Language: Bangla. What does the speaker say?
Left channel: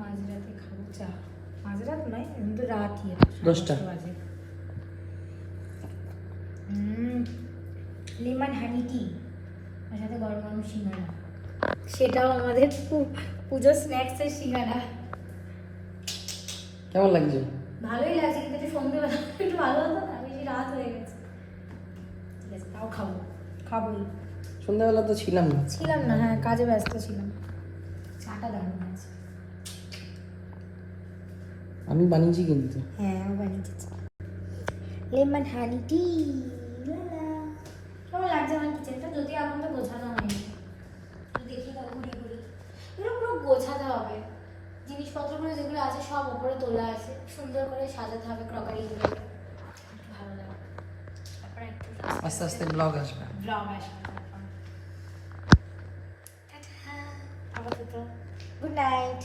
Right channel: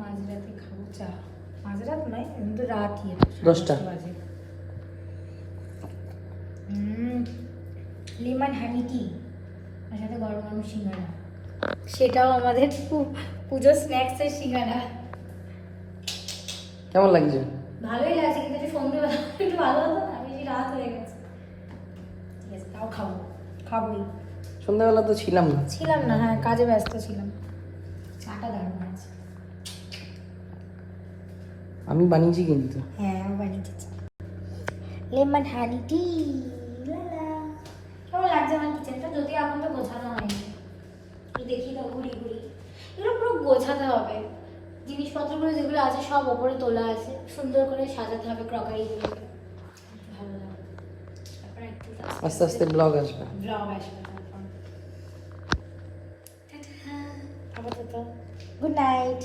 মাঝরাতে খাবো চা। মাঝরাত নয়, কিন্তু রাতই 10টা বাজে। লেমন হানি টি আর সাথে গরম গরম সিঙ্গাড়া, সেটাও আমাদের পুজো স্ন্যাক্সের সিঙ্গাড়া। কেমন লাগছে? ভালোই লাগছে, কিন্তু একটু সন্ধ্যেবেলা একটু ভালো হতো না, বেশি রাত হয়ে গেছে। ঠিক আছে, তাও খাবোই। সন্ধ্যাবেলা তো ছিলাম না, হ্যাঁ কাজে ব্যস্ত ছিলাম। চাটা দারুণ আছে। আমি বানিয়েছি কিন্তু। হ্যাঁ, আমি বানিয়েছি লেমন হানি টি। কেমন লাগছে আমার কিচেনটা? যদিও এখন তো গোছানো হয়নি, একটু দেখি না ঘুরি এগুলো পুরো গোছাতে হবে। জিনিসপত্রগুলো যেগুলো আছে সব ওপরে তোলা আছে, সুন্দর করে সাজাতে হবে ক্রকারি দিয়ে। ভালো লাগে। তারপর একটু আস্তে আস্তে ব্লগ আসবে। তারপর আপাতত গুড নাইট।